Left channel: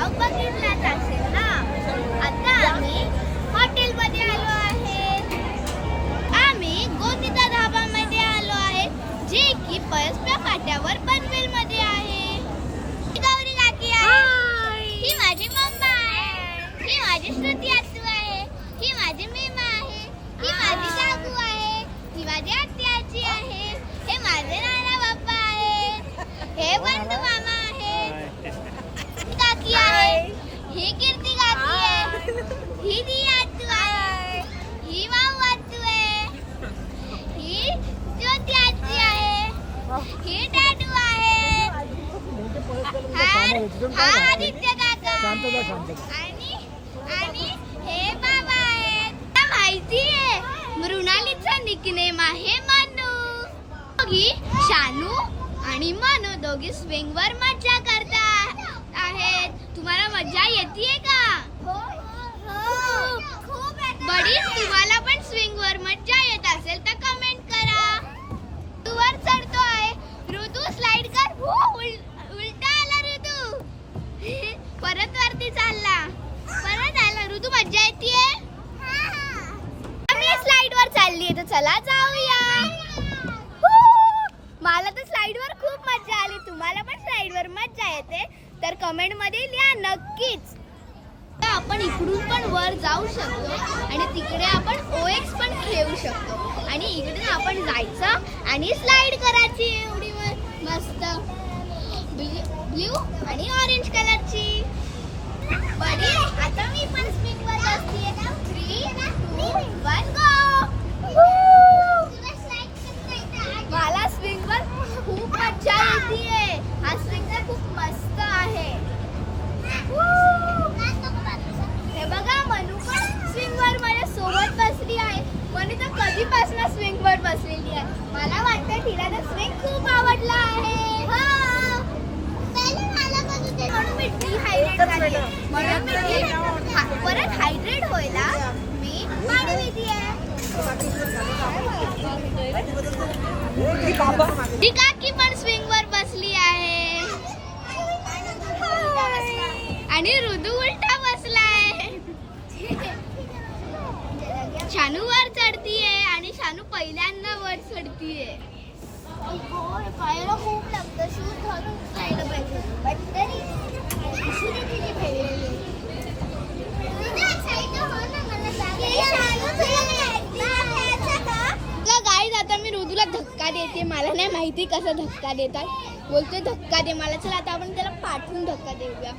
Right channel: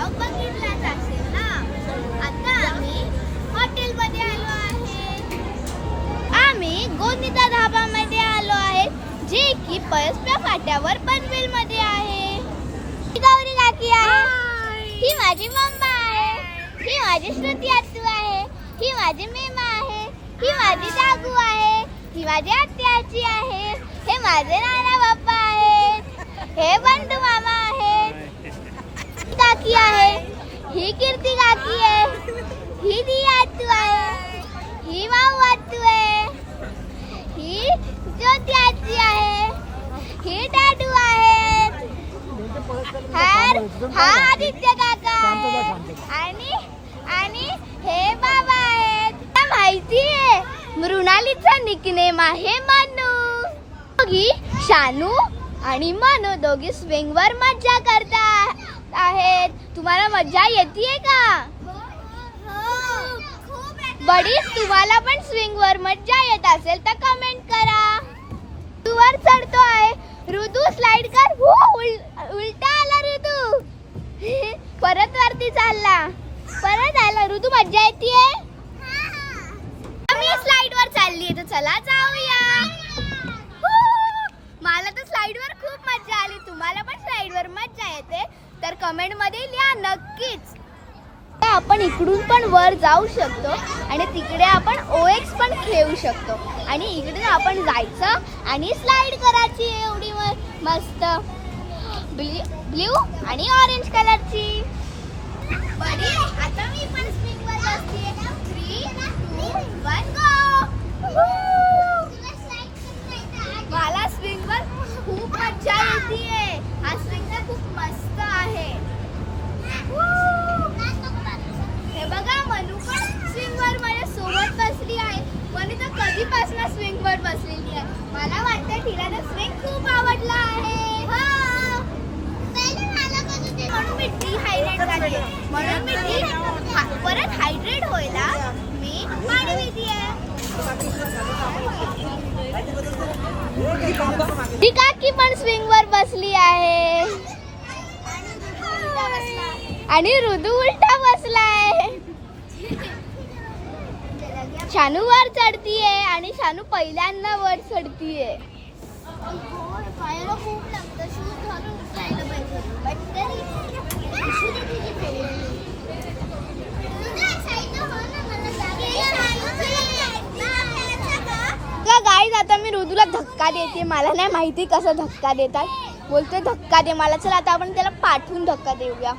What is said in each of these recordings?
Blog बघितलाच असेल ना. आता आम्ही हॉटेलमध्ये आलो आहे. आम्ही गोंदिता धाबामध्ये आलो आहे, जे की पळसप्या फाट्यावर पनवेलमध्ये आहे. ही गौरी काकी आहे, ही माझी मम्मा आहे, ही माझी श्रुती आत्तू आहे, ही माझी मेमा आहे, ही माझी दागू आहे, ही माझी आत्या आजी आहे, हे माझे नाना बाप्पा आहे, हे बंधू मामा आहे, काकी आहे, ही कीर्ती काकी आहे, ही दी आत्तू आहे, ही माऊ आत्तू आहे, ही ज्योती आजी आहे, ही डाडू आहे, हा आदित्य काका आणि हे बाबा आहेत. माहिती आहे, मृणालीचा निकनेम आहे मनू. दोघी शानू आणि मनू दोघी स्विंग वर मज्जा करतात आहेत. तुम्हाला मज्जा येते का? बडीच तुम्हाला पण स्विंग वर मज्जा येत असेल तर कमेंट करा. तू वर चढतो आहे, ऋतू स्लाइड कर. हो, उलटा आला ऋतू. परत वरती चालला, परत आला. ऋतू मज्जा येते. मी स्लाइड वर चालली आहे, तर चला जाऊया. मला तर स्लाइड वर खूप मज्जा आली. तुम्हाला पण स्लाइड वर मज्जा येते तर कमेंट मध्ये लिहा नक्कीच. आपण इकडून पण वर जाऊ शकतो आणि तिकडे आपण OX पण खेळू शकतो आणि इकडे आपण जायचं आणि स्लाइड करायची. एवढी मस्त ब्ल्यू आणि ऑरेंज कलरची. बडी आता मी पण स्विंग वर बसते. 3, 2, 1 गो. मला स्विंग वर खूप मज्जा येते. हा स्विंग खूप मस्त आहे. हे बघा, मनू पण स्विंग वर माझ्या सोबत बसली आहे. मनू तर कधीपासून स्विंग वर बसलेली आहे. मला वाटतं तिला तर स्विंग खूप आवडला आहे. म्हणून मी डिहायड्रेट झाली. म्हणून मी परत हायड्रेट व्हायला मी पाणी पिते आहे. ती काकी पण स्विंग वर बसली आहे आणि ऋतू उलटा बसलाय. शानू वर चढतीये आणि शानू पहिल्यांदा वर चढतीये. पायाला खूप लागतं. शूज घालून जायला पाहिजे. गाईज आता मी ऋतूला धक्का देते. मला नाही माहिती कसा धक्का देतात. बोलतोय धक्का दे मला. चला आता आपण त्याला पाठवून धक्का देऊया.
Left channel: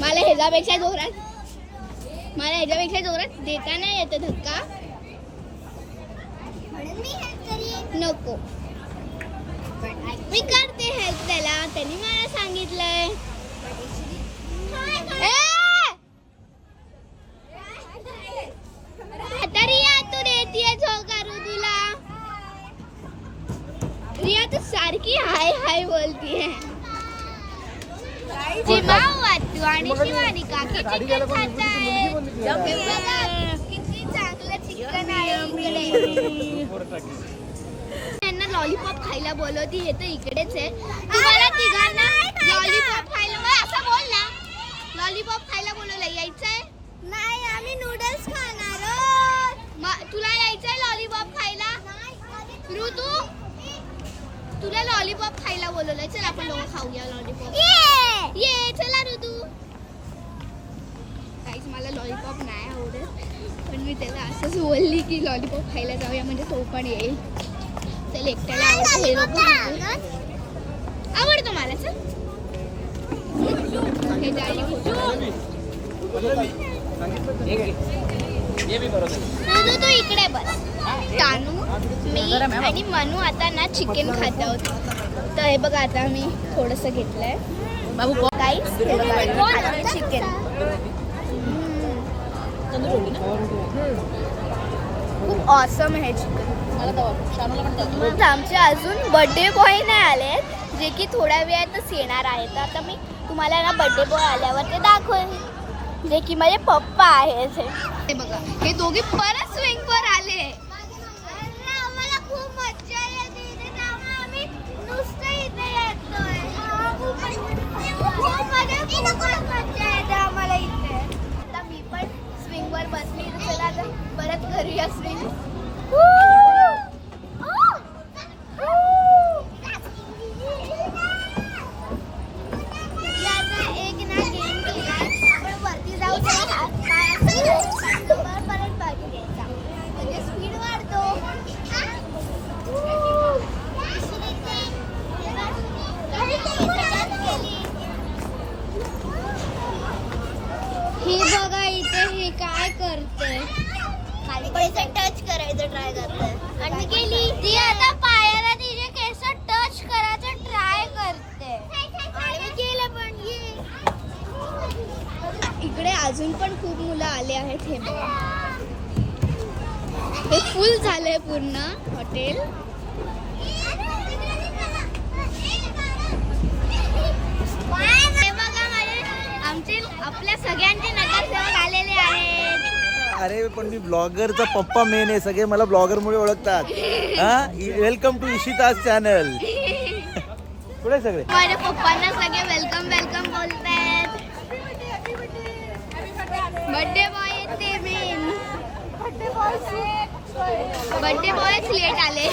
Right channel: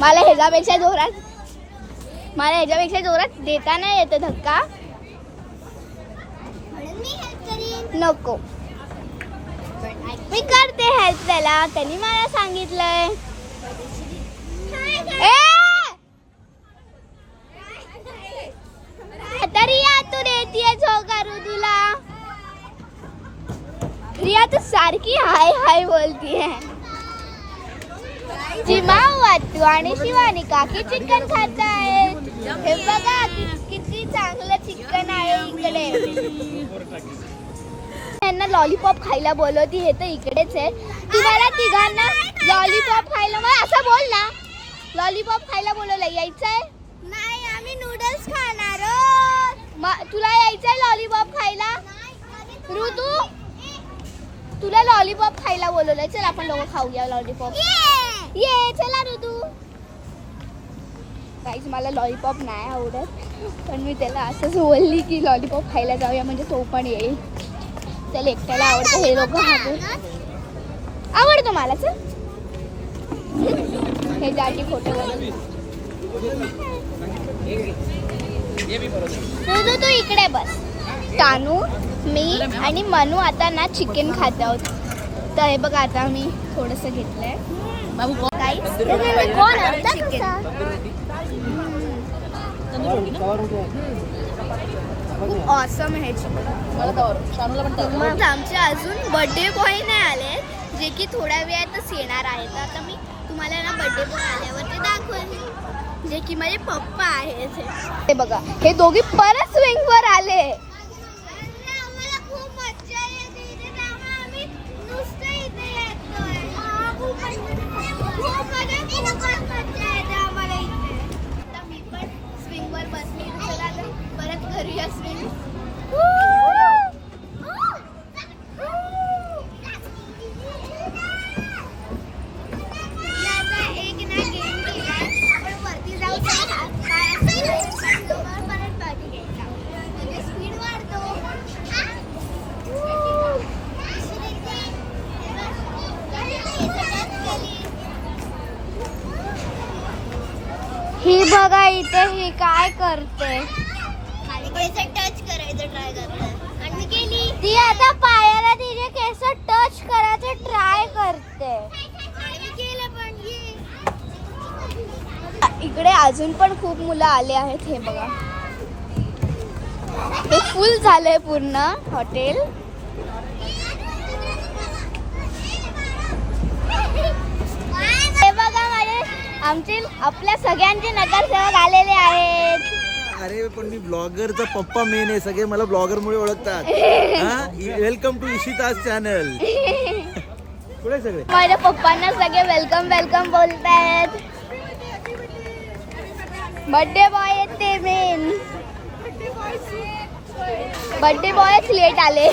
मला ह्याच्यापेक्षा जोरात देता नाही येत धक्का. नको, मी करते हेल्प त्याला. त्यांनी मला सांगितलंय. आता रिया तू देतीये झोका ऋतूला. रिया तू सारखी हाय हाय बोलतीये. जिमाऊ आत्तू आणि शिवानी काकी चिकन खात आहेत. हे बघा किती चांगलं चिकन आहे इकडे. त्यांना लॉलीपॉप खायला बोलवती. हे तर इकडेच आहे. तुम्हाला तिघांना लॉलीपॉप खायला, मला असं बोल ना, लॉलीपॉप खायला बोलवलं. यायचंय? नाही, आम्ही नूडल्स खाणार आहोत. तुला यायचंय लॉलीपॉप खायला? ऋतू तुला लॉलीपॉप खायला बोलवलंय. चल आपण दोघं खाऊया लॉलीपॉप. ये चला ऋतू. काहीच मला लॉलीपॉप नाही आवडत, पण मी त्याला असंच बोलली की लॉलीपॉप खायला जाऊया म्हणजे तो पण येईल. त्याला एकट्याला आवडतं. हे लोक आवडतं मला. चल हे जाटी फोटो तू इकडे बस. तानू, मी आणि मनू आता ना चिकन खात आहोत. तर हे बघा आता मी थोडंसं घेतलंय बाबू. काहीच चिकन खूप ऑसम आहे चिकन. आमचे अजून बर्थडे बॉय नाही आले, जे की थोड्या वेळातच येणार आहेत. तर आता मी तुम्हाला ना बर्थडे बॉय आल्यावर ते दाखवेन, जे की माझे पप्पा आहेत. हे बघा, हे दोघी परत स्विंग वर आले. खूप मज्जा येते. आम्ही खूप मजा येते आम्हाला इथे. आता मी पण स्विंग वर बसली. चला आता परत करूया स्विंग. एक ना गेम केलाय आपण वरती जाऊ परत बाजू घ्यायचा म्हणजे स्पीड वाढतो. ही बघा इथे ही काय करते. खाली पैसे टच करायचं ट्राय करते आणि मी केली. ती आता पायाला तिचे केस टच करायचं ट्राय करते आणि मी केलं पण. ये इकडे अजून पण खूप मुलं आले आहेत. हे बघा हे फुल झालंय पूर्ण हॉटेल. हे बघा माझे आमचे आपल्या सगळ्यांचे नगरसेवक आलेले आहेत. अरे पण मी ब्लॉगरचा पप्पा मेन आहे. सगळे मला ब्लॉगर मुळे ओळखतात. हा वेलकम टू इशिताज चॅनल. कुठे सगळे माझ्या पप्पांना सगळे वेलकम वेलकम बोलतायत. बर्थडे बॉय आहेत ते मेन. बर्थडे बॉयच लेट आले.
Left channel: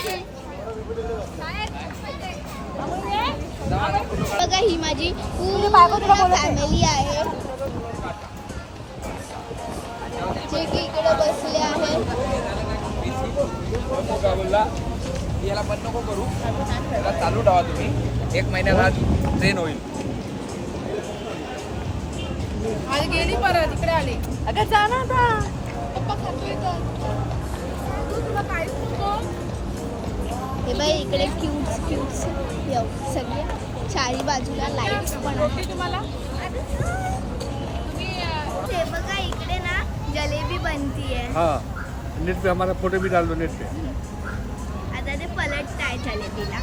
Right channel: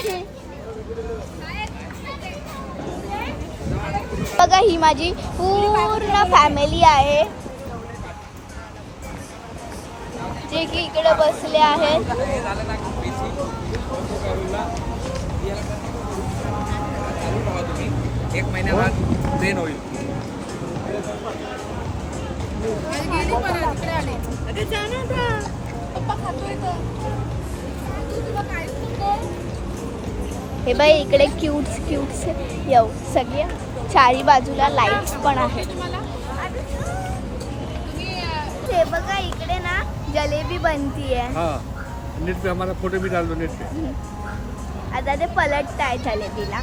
बघा ही माझी पूर्ण फॅमिली आहे जे की इकडे बसले आहेत. चालू ठेवा तुम्ही. 1 महिन्यात ट्रेन होईल. गेली परत इकडे आले. अगं जा ना आता. पप्पा खातोय तर. तुला काय सुचतो? हे बाई इकडे क्यूट्स येऊ सगळे चारी बाजूला लाईट्स पण आहेत. तुम्हाला हे बघा इकडे ना जलेबी बनतीये. हाँ नेट पे हमारा फोटो भी डाल दो नेट पे. आता ते पलटताय जलेबीला.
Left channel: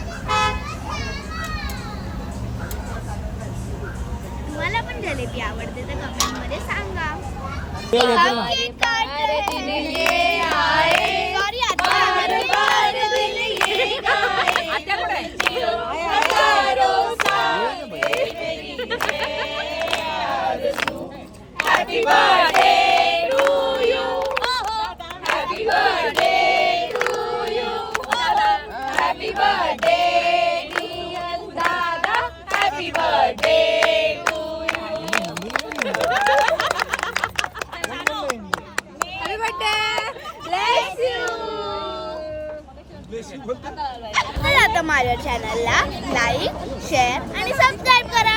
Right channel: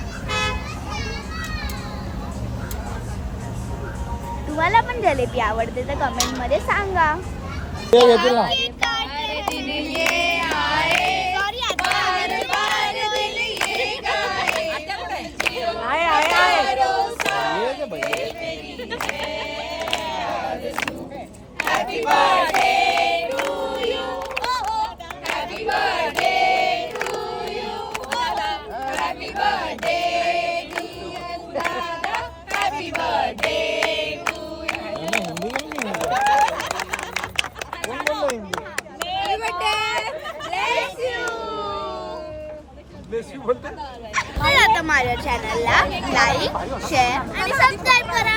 तुम्हाला पण जलेबी आवडते तर कमेंट मध्ये सांगा. तर आता माझ्या चॅनलला लाईक शेअर आणि सबस्क्राईब करा.